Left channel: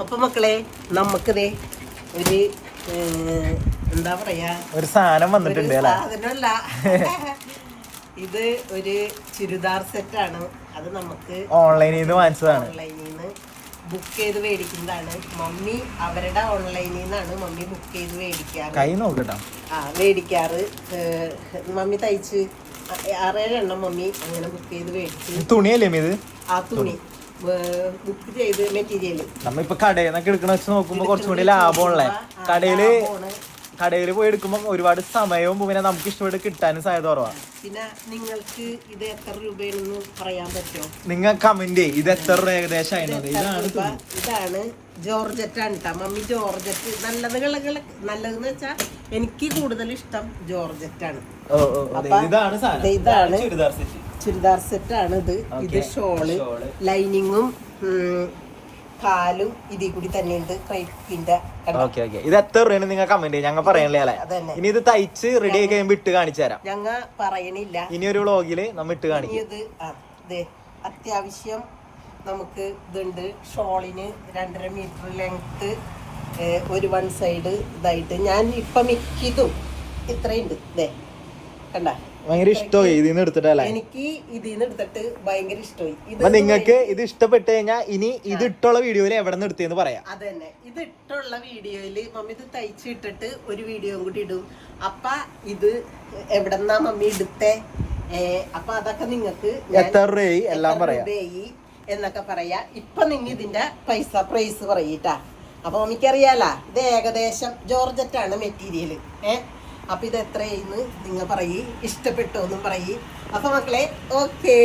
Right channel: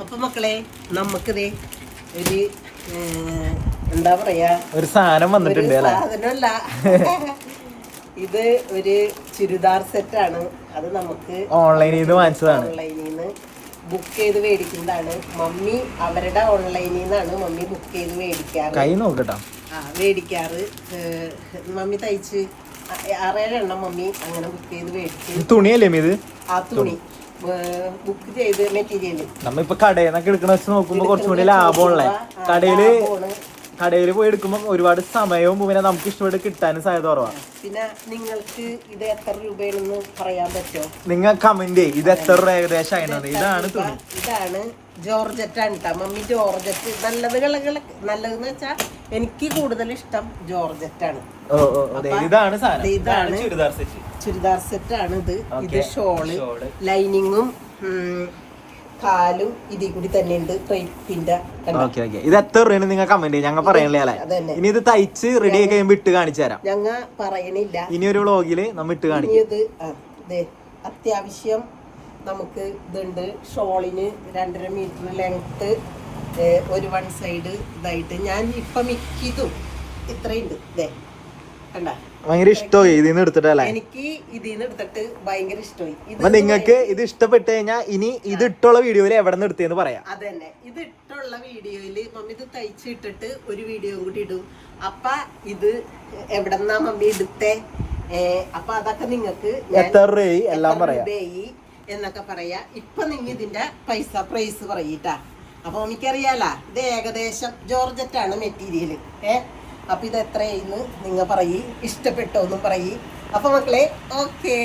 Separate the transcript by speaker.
Speaker 1: അപ്പൊ മക്കളെ നമുക്കിതേ ഒരു എന്താ പറയാ?
Speaker 2: ഒരു സാധനം
Speaker 1: ഒരു സാധനമല്ല. ഇത് ഒരു ചുരിദാർ ആണ് അത് നമുക്ക്
Speaker 2: ഓൺലൈനിൽ നിന്ന്
Speaker 1: ബുക്ക് ചെയ്ത് മേടിക്കുന്നതാണ്. മമ്മി അവരുടെ ഓൺലൈനിൽ നിന്നാണ് മമ്മി ബുക്ക് ചെയ്ത് മേടിക്കാറ്. ആ മേടിക്കാറ്. മമ്മി തയ്ച്ച് ആറേഴെണ്ണം ആറേഴ് മമ്മി അങ്ങനെ ബുക്ക് ചെയ്ത് മേടിച്ച്.
Speaker 2: തുണിയല്ലേ ഇത്?
Speaker 1: ആ തുണി. ബുക്ക് ചെയ്ത് മെറ്റീരിയൽ
Speaker 2: നമ്മളിപ്പോ കടയിൽ നിന്നൊക്കെ എടുക്കുന്ന വെച്ച് നോക്കുമ്പോ കുറച്ചുകൂടി ലാഭമുള്ള കടയിൽ കടയിൽ പോയി എടുക്കുമ്പോൾ ഒരുപാട് സമയവും പിന്നെ നമുക്ക് ഇഷ്ടപ്പെട്ട് കിട്ടാനും സാധ്യത കുറവാണ്
Speaker 1: പിന്നെ നിങ്ങൾക്ക് ഇത് എത്ര രൂപയാണെന്ന് പറയാൻ പറ്റുമോ
Speaker 2: നിങ്ങൾ കമന്റ് ഇത് എത്ര രൂപ ഏകദേശം ആയിരുന്നത് ഇതാണ്
Speaker 1: ഇതാണ് ജോർജറ്റ് ആണ് കേട്ടോ മമ്മി ജോർജറ്റ്. നല്ലത് കളകള നല്ലതെന്ന് വെച്ചാൽ എനിക്ക് കൂടുതൽ ഇഷ്ടം ജോർജറ്റ് ആണ്.
Speaker 2: ഇതാണ്
Speaker 1: ഇതാണ്.
Speaker 2: ചുരിദാർ
Speaker 1: സെറ്റാണ് സെറ്റ് ആണ് ഇത് ഇത് ഷോൾ. ലൈനിങ്ങും കാലും ഇതിൽ കൂടി തന്നെ ഉണ്ട് ക്രൈപ്പിന്റെ
Speaker 2: ഇത് എത്ര രൂപയാണ് നിങ്ങൾ കമന്റ് ഞങ്ങൾ പറയണില്ല ഇനി ഇത് തയ്ച്ച് റെഡി ആയി കഴിയുമ്പോൾ ഇട്ട് കാണിച്ചു തരാം.
Speaker 1: ഞങ്ങ പറയണില്ല.
Speaker 2: ഇനി ഒരു വ്ളോഗിൽ നമ്മൾ ഇട്ട് കാണിക്കും.
Speaker 1: ഇനി ഇത് അത്യാവശ്യം നമുക്ക് ഇതുണ്ട്. ഷോളിന് രണ്ടര മീറ്റർ ലെങ്ത്ത് ഒരു വൺ സൈഡ് ഇതായിട്ട്. ഞാൻ ഇപ്പം മിക്കതും ഇത്രയുണ്ട്. കണ്ട
Speaker 2: ഭയങ്കര ഇഷ്ടമായി ഇതിൽ നിന്ന് എടുത്തിട്ടല്ലേ
Speaker 1: എനിക്ക് ഇതിൽ നിന്ന് എടുത്തിട്ട് ഭയങ്കര ഇഷ്ടമായി. ഇത്
Speaker 2: നിങ്ങൾക്ക് ഇത് ഇഷ്ടപ്പെട്ട് കഴിഞ്ഞാൽ ഇനി ഇത് ഇട്ടുള്ള വീഡിയോയിൽ എവിടെ നിന്ന് എടുത്തേന്ന് പറയാം.
Speaker 1: അതന്നെ. ഇത് ഇട്ടുള്ള വീഡിയോയിൽ മമ്മി ഇത് തയ്ച്ചിട്ടിട്ട് ഒരു വീഡിയോ കൂടി ഇടും. അപ്പൊ ഇത് എവിടെന്നാ മമ്മി എടുത്തേ? അപ്പൊ അതൊക്കെ നിങ്ങൾക്ക്
Speaker 2: എത്ര രൂപയായി?
Speaker 1: എന്നൊക്കെ പറയാ. ഇപ്പൊ നിങ്ങ ഇതിന്റെ പൈസ പ്രൈസ് പറയിട്ടാ. അപ്പൊ എനിക്കറിയാലാ ഇത് ഏകദേശം ജോർജറ്റാണ് ആണ് മെറ്റീരിയൽ ഏ? അപ്പൊ ഇത് എത്രയെന്ന് നിങ്ങൾ പറയ് ഇഷ്ടപ്പെട്ടോ എന്നും പറയ്. അപ്പൊ മക്കളെ ഓക്കേ